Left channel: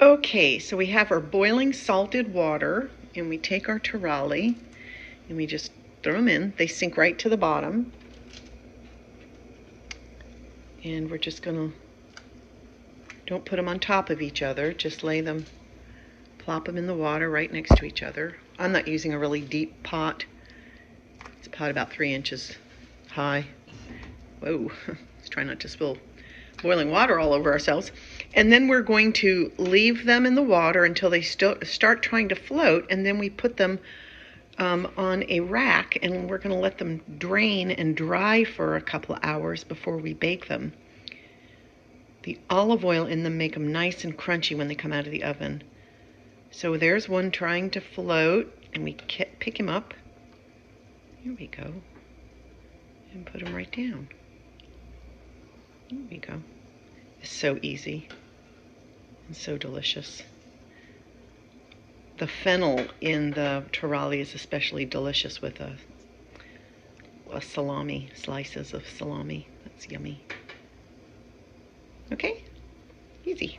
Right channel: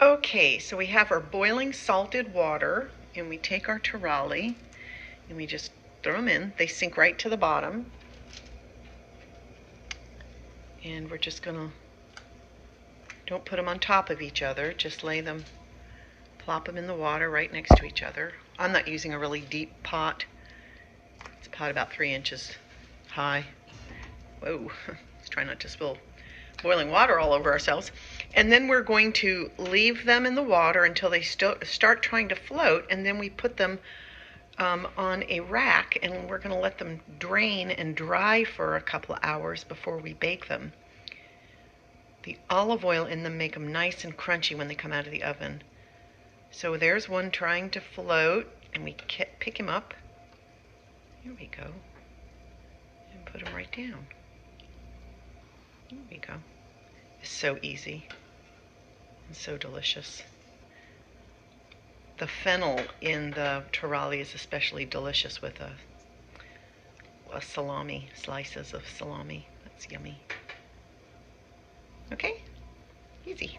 Okay, so we have our boiling salted water, and we take our taralli and we just throw them in. They sink right to the bottom. And we're just gonna, don't put them on top of each other, just lay them, plop them in the water right next to each other. I'm not using a really deep pot. It's a pot about 3 inches high. Whoa, let's try not to spill boiling water all over ourselves. And then we're going to leave them in the water until they start trying to float, and then we put them on a rack, and we're going to let them drain and dry for a couple of hours before we bake them. The olive oil in them make them nice and crunchy when they come out of the oven. So there's one trying to float, and we pick him up. Here we go. And put him right down. There we go. It's so easy and so delicious. The fennel in the taralli is especially delicious with a salami, slices of salami. That's yummy. Okay, easy.